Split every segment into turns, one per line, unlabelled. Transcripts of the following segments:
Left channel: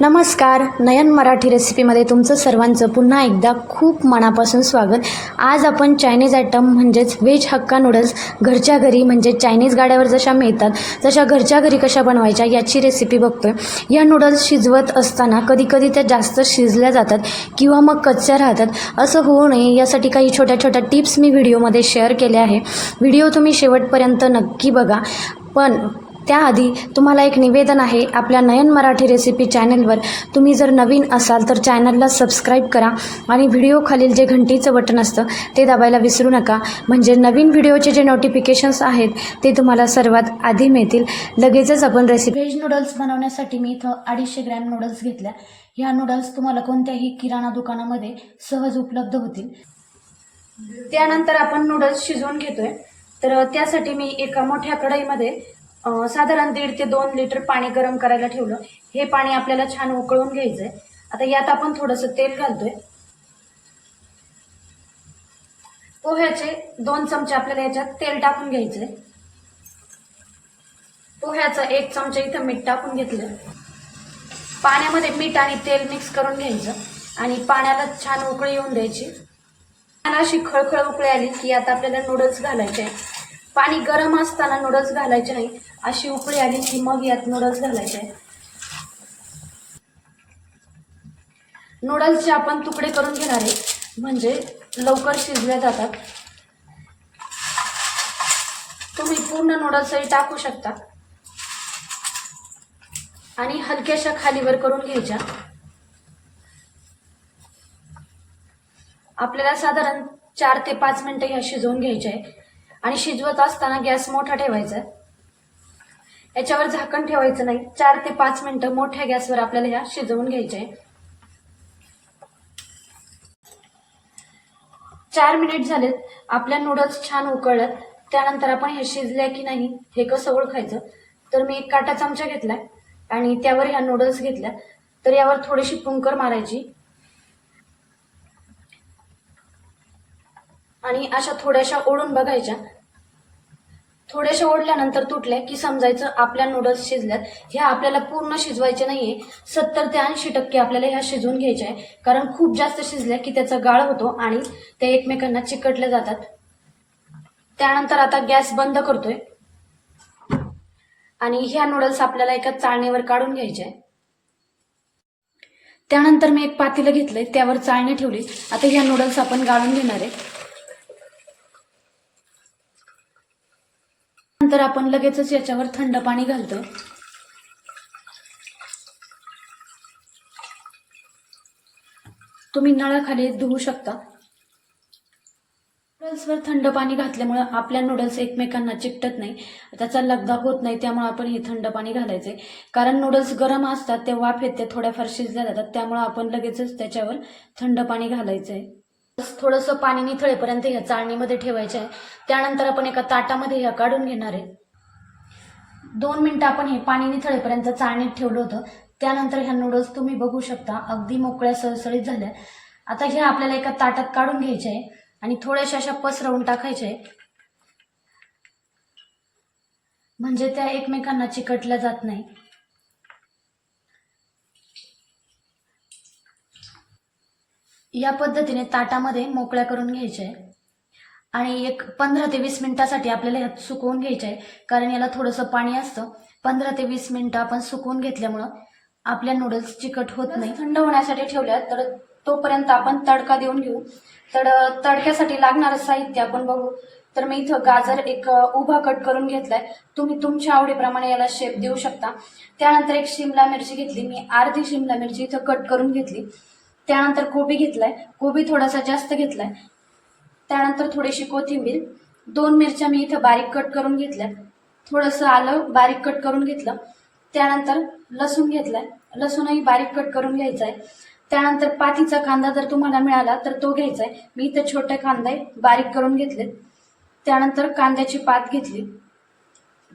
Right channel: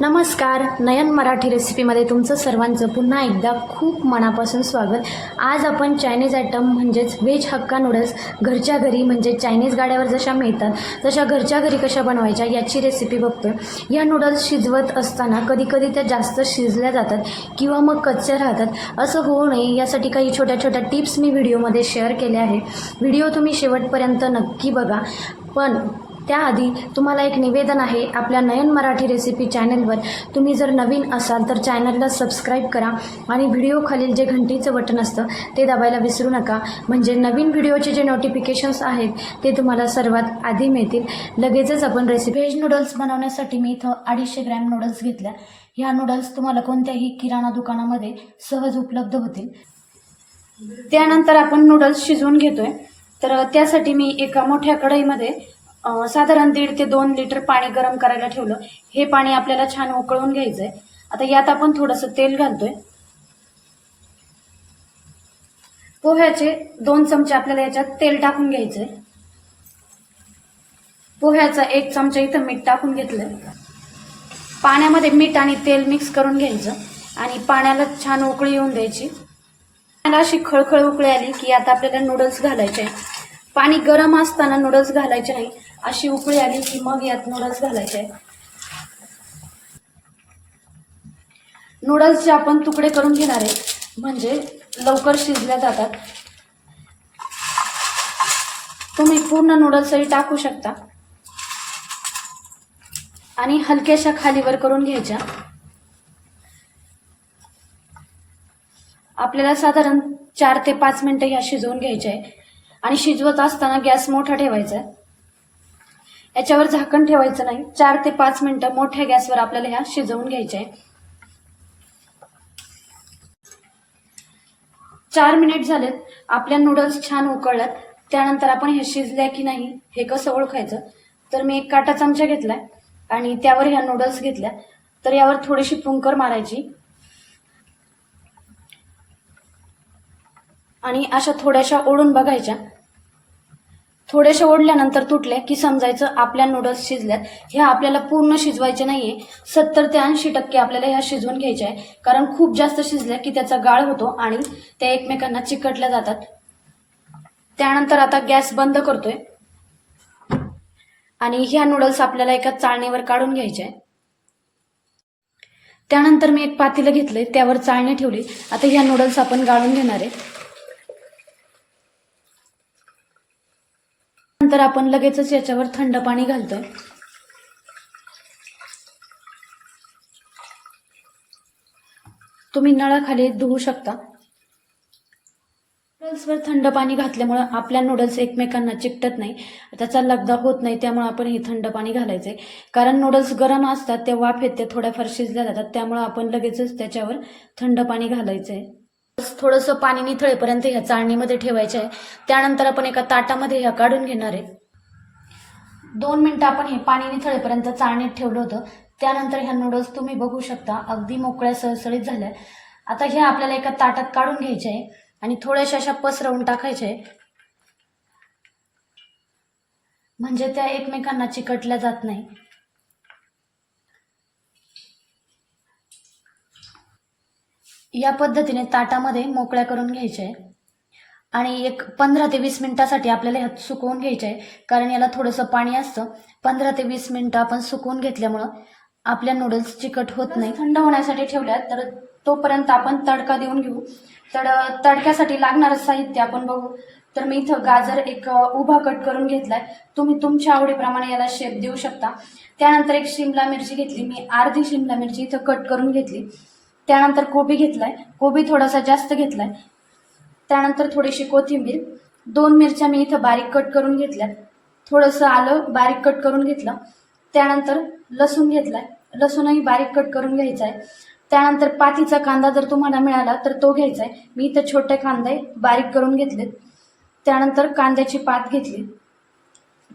नमस्कार नयन मराठी रेसिपीमध्ये तुमचं सर्वांचं पुन्हा एकदा खूप मनापासून स्वागत. आज आपण चायनीज आयटम म्हणजेच व्हेज हक्का नूडल्स घरच्या घरी म्हणजे चायनीज गाड्यावर जशा मिळतात तशा घरच्या घरी कशा बनवायच्या याची रेसिपी बघतोय. या नूडल्स शिजवत असताना कधीकधी त्या जास्त शिजल्या जातात किंवा मग कच्च्या राहतात असं होऊ नये यासाठी काही छोट्या छोट्या टिप्स मी व्हिडिओमध्ये शेअर केल्या आहे. व्हिडिओ तुम्ही शेवटपर्यंत नक्की बघा. पण त्याआधी तुम्हाला एक निवेदन आहे आपल्या नयन मराठी रेसिपी चॅनलवर तुम्ही जर नवीन असाल तर चॅनलला सबस्क्राईब करा आणि व्हिडिओ खालील जे घंटीचं बटन असतं ते दाबायला विसरू नका. म्हणजे नवीन व्हिडिओचे जे नोटिफिकेशन्स आहेत ते तुम्हाला सर्वात आधी मिळतील. लगेचच आपण रेसिपी व्हेज नूडल्स बनवण्यासाठी मी इथं अडीचशे ग्रॅम नूडल्स घेतल्या. ह्या नूडल्स तुम्हाला कोणत्याही किराणा दुकानामध्ये सहज उपलब्ध होतील. त्यानंतर आपण नूडल्स शिजवून घेतोय. तर त्यासाठी मी एका मोठ्या कढईमध्ये साधारण दीड ते दोन लिटर पाणी गरम करायला ठेवलं. हे पाणी आपल्याला छान उकळून घ्यायचंय. आता यात आपण थोडंसं तेल घालतोय. पोह्याचे दोन चमचे आपल्याला याच्यात तेल टाकून घ्यायचंय. पोह्याचा एक चमचा इथं मीठ टाकून घेतलंय. पाण्यामध्ये मीठ आणि तेल मिक्स करून घ्यायचं आणि पाण्याला छान उकळी येऊन द्यायची. पाण्याला अशी खळखळ उकळी आली की आता आपल्याला नूडल्स घालायचे आहेत. पाणी गरम असताना नूडल्स घालायचे नाही अशी उकळी आली की मग यात नूडल्स घालायचे आहे. नूडल्सचे आपण तुकडे करून घेणार आहे म्हणजे लवकर शिजल्या जातात. तुम्ही पूर्ण नूडल्सही टाकू शकता. आणि हलक्याशा खालीवर करून घ्यायच्या. आपल्याला साधारण चार ते पाच मिनिटं ह्या शिजवून घ्यायच्या आहे. आणि शिजवत असताना गॅस मोठा ठेवायचा. याच्यावर झाकण ठेवायचं नाही. चार ते पाच मिनिटं मोठ्या गॅसवर आपल्याला ह्या शिजवून घ्यायच्या आहे चार मिनिट झालेत. आपल्या नूडल्स छान उकळल्यात. त्यानंतर आपण हे शिजल्या की नाही हे कसं ओळखायचं? तर मी एक काटा चमचा घेतलाय आणि त्यावर ह्या नूडल्स घेतल्या. तर यावर थोडीशी पुंकर मारायची. आणि अशा थोड्याशा ओढून बघायच्या. थोडेसे ओढल्यानंतर तुटले की समजायचं आपल्या नूडल्स शिजल्यात. हे आपल्याला पूर्ण शिजवायचे नाहीये. सत्तर ते ऐंशी टक्के आपल्याला ह्या शिजवून घ्यायच्या आहे. कारण खूप जास्त शिजल्या की त्याचा गाळ होतो आणि ते एकमेकांना चिकटल्या जातात. त्यानंतर आता गॅस बंद करतोय. आणि ह्या नूडल्स आपल्याला एका चाळणीवर काढून घ्यायचे आहे. त्यानंतर मी एक पातेलं घेतलंय. त्यावर चाळणी ठेवली. आता ह्या नूडल्स आपण गाळून घेणार आहे. नंतर आपण लगेचच याच्यावर थंड पाणी घालतो. तुम्ही नळाखाली धुवू शकता. नूडल्सवर थंड पाणी घातल्यामुळे आपल्या नूडल्स एकमेकांना चिकटत नाही. त्याचा लगदा होत नाही त्यामुळे आपण हे थंड पाणी घालायचे. कारण नूडल्स गरम असतात ते वाफ येते थोड्याफार शिजल्या जातात त्यामुळे आपण लगेचच त्याच्यावर थंड पाणी घालायचं. आहे थोडंसं पाणी निथळेपर्यंत ह्या चाळणीमध्ये ठेवायचं आहे. त्यानंतर आपण एका ताटामध्ये ह्या काढून घेणार आहे. दोन मिनिटं आपण हे पाणी निथळेपर्यंत चाळणीत ठेवलं होतं. त्यानंतर ह्या नूडल्स तुम्ही बघू शकता अगदी मोकळ्या सळसळीत झाल्या. आता हे आपल्याला एका ताटात काढून घ्यायचे आहे आणि थोड्याशा अशा पसरवून टाकायचे आहे. म्हणजे त्या एकमेकांना चिकटल्या जात नाही. या पद्धतीने ताटामध्ये मोकळ्या करून घ्यायच्या आहे आणि एक पंधरा ते वीस मिनिटासाठी आपल्याला ह्यात सुकवून घ्यायचं. आहे कारण याला थोडंसं पाणी असतं. पंधरा ते वीस मिनिटं आपण सुकवून घेतल्यामुळं आपल्या नूडल्स चिकट होत नाही. थंड होण्यासाठी ठेवल्या तर तोपर्यंत आपण तडका देऊन घेऊ. तर तडक्यासाठी लागणारं साहित्य आपण बघू. तर मी इथं गाजर एक उभा कट करून घेतलाय. तुम्ही तुमच्या आवडीप्रमाणे याला शेप देऊ शकता. त्यानंतर एक शिमला मिरची घेतली. मी अर्धी शिमला मिरची इथं कट करून घेतली. त्यानंतर कोबी घेतलाय. कोबी थोडासा जास्त घेतलाय. त्यानंतर थोडीशी कोथिंबीर. दोन मिरच्या मी इथं बारीक कट करून घेतल्या थोडंसं आलं बारीक कट करून घेतलं. त्यानंतर लसूण घेतलाय. लसूणही बारीक कट करून घ्यायचा आहे त्यानंतर पातीचा कांदा जर तुम्हाला मिळाला तर तो घ्यायचा आहे मी इथं छोटे कांदे बारीक करून घेतले त्यानंतर कांद्याची पात घेतली.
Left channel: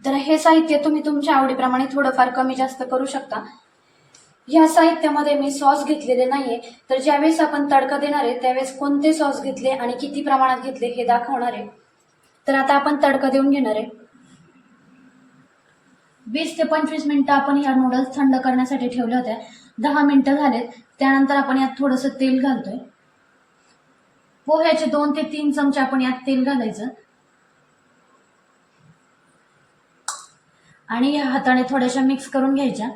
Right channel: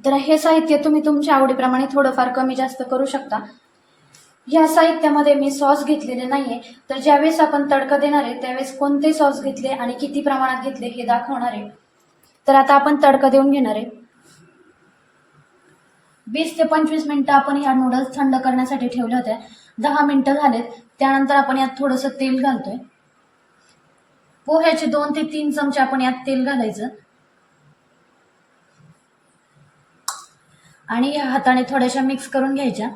तर हे साहित्य तुम्ही तुमच्या आवडीप्रमाणे थोडंफार कमी जास्त करू शकता. या साहित्यामध्ये मी सॉस घेतलेले नाहीये. तर ज्यावेळेस आपण तडका देणार आहे त्यावेळेस कोणते सॉस घेतले आणि किती प्रमाणात घेतले हे दाखवणार आहे. तर आता आपण तडका देऊन घेणार आहे. वीस ते पंचवीस मिनिटं आपण ह्या नूडल्स थंड करण्यासाठी ठेवल्या होत्या. दहा मिनटं झालेत. त्यानंतर आपण यात थोडंसं तेल घालतोय. पोह्याचे दोन ते तीन चमचे आपण यात तेल घालायचं. आणि या हाताने थोड्याशा मिक्स करून घ्यायच्या.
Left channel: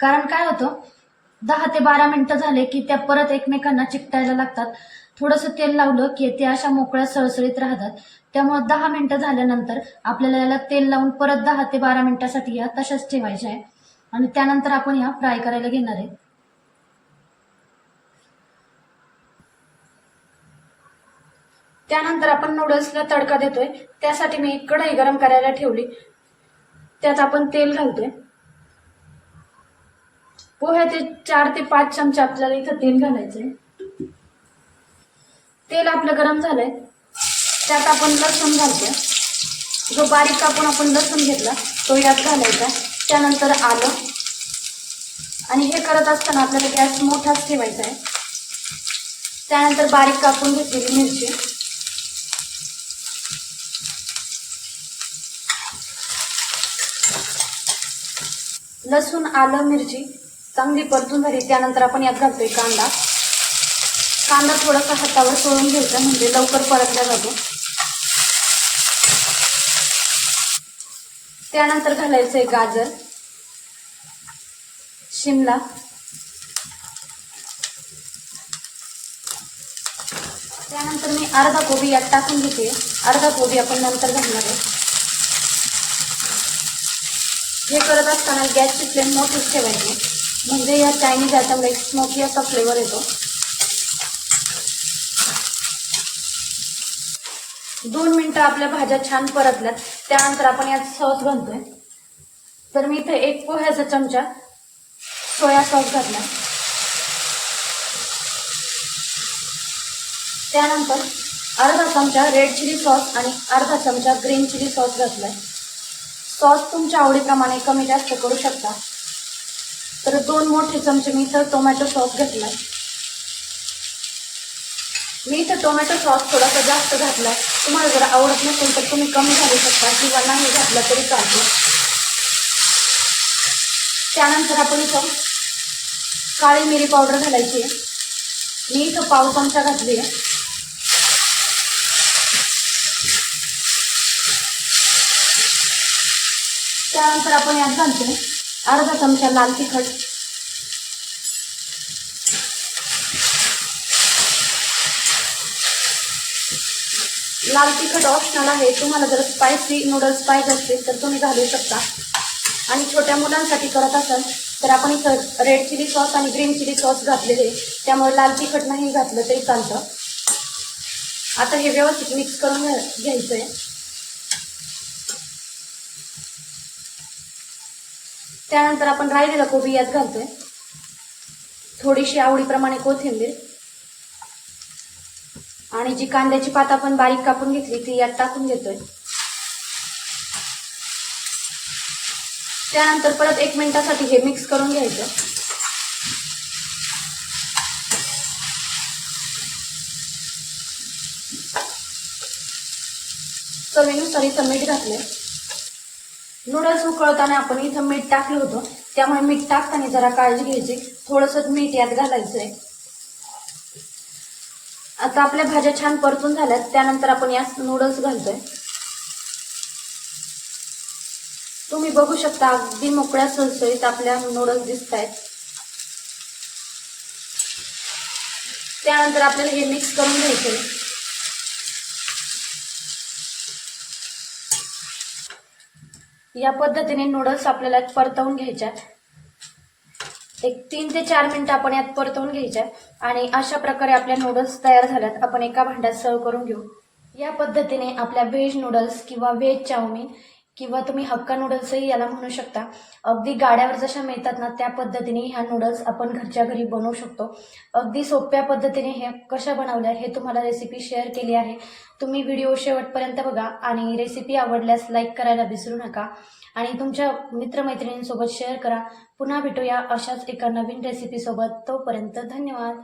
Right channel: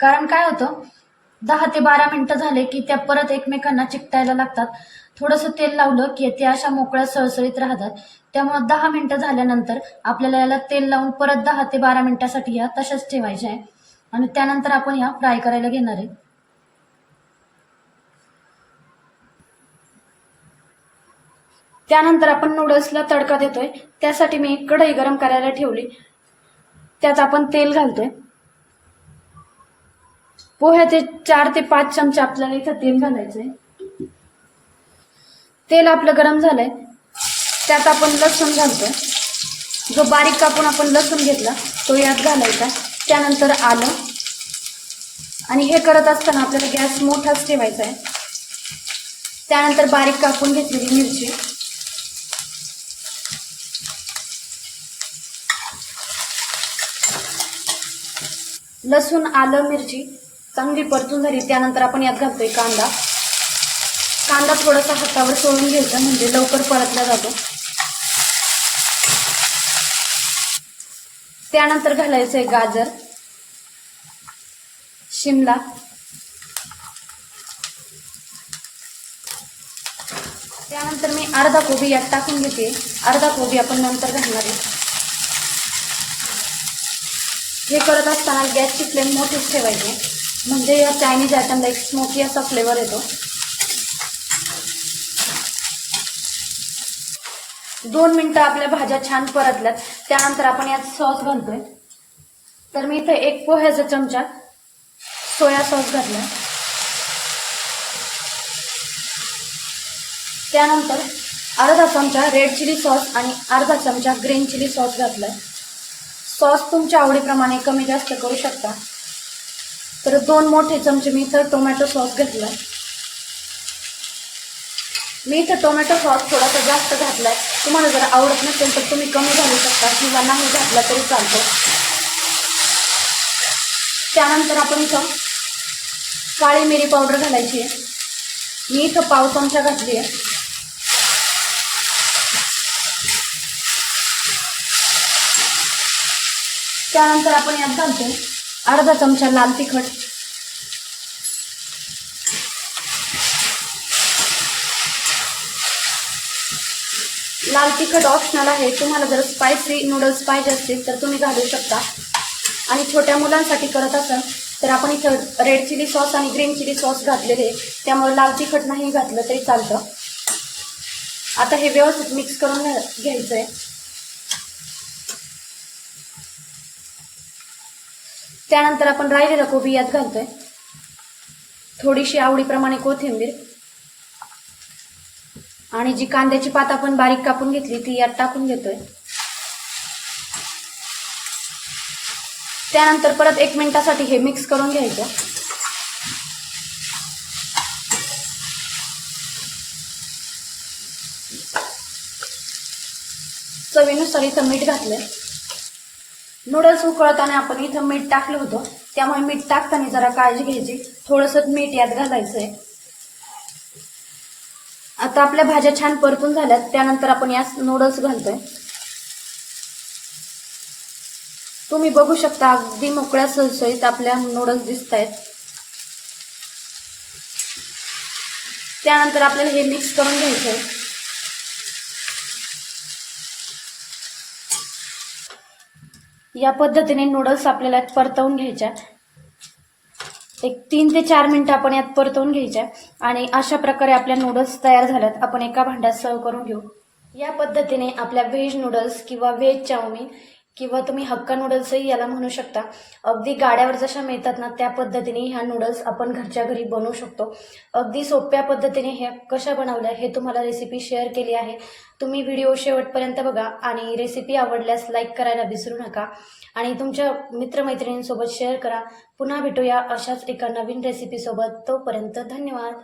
कारण काय होतं? दहा ते बारा मिनिटं झाले की त्या परत एकमेकांना चिकटायला लागतात. थोडंसं तेल लावलं की ते अशा मोकळ्या सळसळीत राहतात. त्यामुळे दहा मिनिटं झाल्यानंतर आपल्याला याला तेल लावून परत दहा ते बारा मिनिटासाठी या तशाच ठेवायच्या आहे. आणि त्यानंतर आपण या फ्राय करायला घेणार आहे. त्यानंतर आपण नूडल्सला तडका देतोय. त्यासाठी मी कढई गरम करायला ठेवली. त्यात आपण तेल घालतोय. पोह्याचे चार ते पाच चमचे आपल्याला इथं तेल घालायचंय. तेल आपलं गरम झालंय. त्यात आपण लसूण घालतोय. जो बारीक कापून आपण लसूण घेतला तो यात घालायचा. त्यानंतर आलं. आणि हे करत असताना आपल्याला गॅस मोठाच ठेवायचा आहे. त्यानंतर बारीक कापून घेतलेली मिरची. लसूण आलं मिरची. चांगली परतून झाली. त्यानंतर आपण यात घालतोय कांदा. कांदा थोडासा हातावर सोडून घ्यायचा म्हणजे लवकर परतला जातो. त्यानंतर घालायचंय गाजर शिमला त्यानंतर मी अर्धा कोबी यात टाकून घेते. अर्धा कोबी आपण नंतर घालणार आहे. हे करत असताना गॅसची फ्लेम मोठीच ठेवायची. म्हणजे या चायनीज आयटमला एक स्मोकी असा फ्लेवर येतो. दोन मिनटं आपल्या भाज्या छान परतल्यात. त्यानंतर आपण यात सॉस घालतोय. तर मी इथे एक पोह्याचा चमचा सोया सॉस घातला. त्यानंतर अर्धा चमचा रेड चिली सॉस आणि अर्धा चमचा ग्रीन चिली सॉस घातलाय. सॉस तुमच्या आवडीप्रमाणे कमी जास्त करू शकता. तर दोन मोठे चमचे मी इथं टोमॅटो सॉस घेतला मी इथं टोमॅटो सॉस थोडासा जास्त घातला तुम्हाला जर आवडत नसेल तर तुम्ही कमी घालू शकता किंवा नाही घातला तरी चालतो. त्यानंतर आपण इथं काळी मिरी पावडर घालायची आहे. मी इथं पाव चमचा घातली आहे. त्यानंतर आपण यात घालतो अर्धा चमचा लाल तिखट. लाल तिखट ऑप्शनल आहे. तुम्हाला जर स्पायसी नूडल्स पाहिजे असतील तर तुम्ही घालू शकता. आणि छोट्या मुलांसाठी करत असाल तर आपण इथं रेड चिली सॉस आणि ग्रीन चिली सॉस घातलेले त्यामुळे लाल तिखट नाही घातलं तरी चालतं. आता हे व्यवस्थित मिक्स करून घ्या- घ्यायचं आहे त्यानंतर आपण राहिलेला कोबी यात घालतोय. थोडीशी आवडीप्रमाणे कोथिंबीर. आणि जी कांद्याची पात आपण बारीक कापून घेतली ती यात टाकून घेतोय. त्यानंतर परत एक मिनिटासाठी हे मिक्स करून घ्यायचं. चवीनुसार इथं मीठ घातलंय. नूडल्स उकळताना आपण इथं मीठ टाकलं होतं. त्यामुळे मीठ टाकताना जरा काळजी घ्यायची. थोडंसं मीठ यात घालायचंय. आता आपल्या भाज्या छान परतून झाल्यात. त्यानंतर आपण यात नूडल्स घालतोय. तुम्ही बघू शकता अगदी मोकळ्या सळसळीत आपल्या नूडल्स दिसत आहेत त्यानंतर आपल्याला हे मिक्स करून घ्यायचंय. या पद्धतीने नूडल्स आपल्याला परतवून घ्यायच्या. एक तीन ते चार मिनिटं आपण यात परतवून घ्यायच्या आणि अशा प्रकारे आपल्या नूडल्स तयार झाल्यात. आपण एका भांड्यात सर्व करून घेऊ. या पद्धतीने आपल्या व्हेज नूडल्स किंवा व्हेज चाऊमिन किंवा तुम्ही हक्का नूडल्सही याला म्हणू शकता. अगदी गाड्यावर जशा मिळतात ना त्या पद्धतीने ह्या नूडल्स आपण घरच्या घरी बनवू शकतो. अगदी सोप्या पद्धतीने हे कशा बनवल्या हे तुम्हाला रेसिपी शेअर केली आहे. तुम्ही व्हिडिओ शेवटपर्यंत बघा आणि रेसिपी आवडल्यास लाईक करायला विसरू नका. आणि तुमच्या मित्रमैत्रिणींसोबत शेअर करा. पुन्हा भेटूया अशाच एका नवीन रेसिपीसोबत तोपर्यंत धन्यवाद.